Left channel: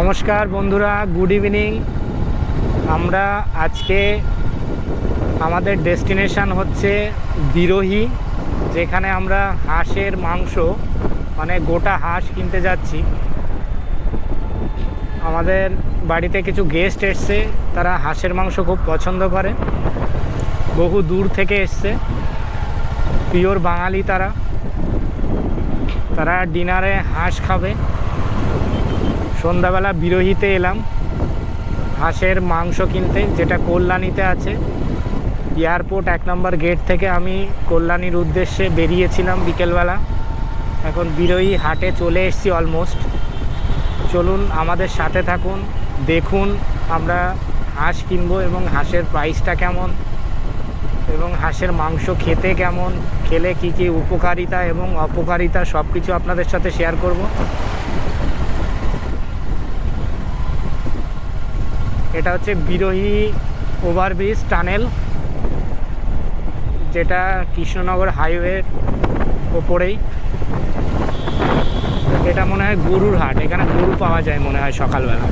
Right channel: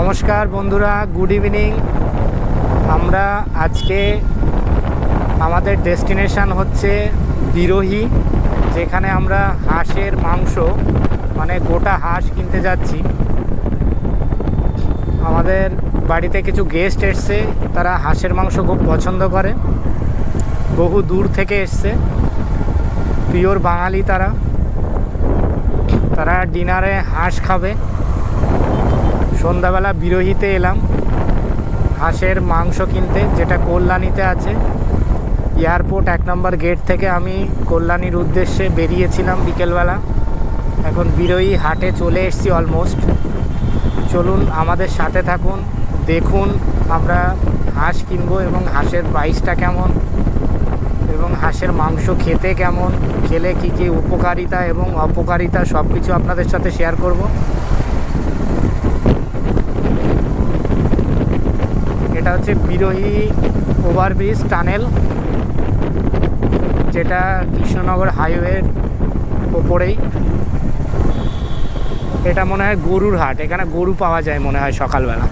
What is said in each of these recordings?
নমস্কার বন্ধুরা, good evening. আমরা আজকে আমাদের ডেস্টিনেশন হচ্ছে বিরোহী, যেখানে আমরা হাঁসের মাংস মানে গোটা হাঁস কিনতে যাচ্ছি। আমাদের বাড়িতে কিছু গেস্ট এসছে, তারা হাঁসের মাংস খুব পছন্দ করে, বহু দূর থেকে এসছে, পিওর বাঙালি। তারা ডিনারে হাঁস খাবে। সন্ধ্যাবেলা বিরোহীতে এলাম হাঁসের মাংস কিনতে, যেটা কল্যাণীতে আছে। এয়ারপোর্ট 1 নম্বর গেট থেকে আমি কল্যাণীর উদ্দেশ্যে বেরিয়েছিলাম বিকেলবেলা। এখন বিরোহী হাটে চলে এসেছি অলমোস্ট। চলুন আমাদের সাথে থাকুন, দেখুন আমরা হাঁস কিনবো এবং হাঁসের প্রাইসটা কেমন এবং হাঁসের মাংস খেতে কেমন, খেলে কী কী উপকারিতা এবং অপকারিতা সব কিছু আপনাদের সাথে শেয়ার করব। এটা হচ্ছে বিরোহী ওভারব্রিজ টানেল, যেটা কৃষ্ণনগর হাইওয়ের ওপরেই। এটা মনে হয় গরুর হাট, এখানে গরু পাওয়া যায় মনে হয় সকালবেলা।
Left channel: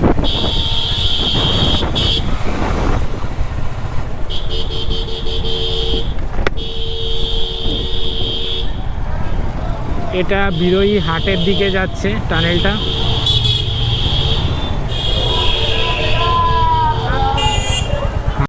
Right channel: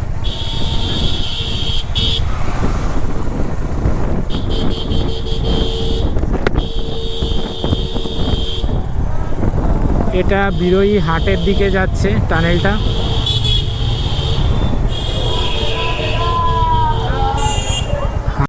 এটা বিরোহী হাটের দিকে যাচ্ছে টানেলটা।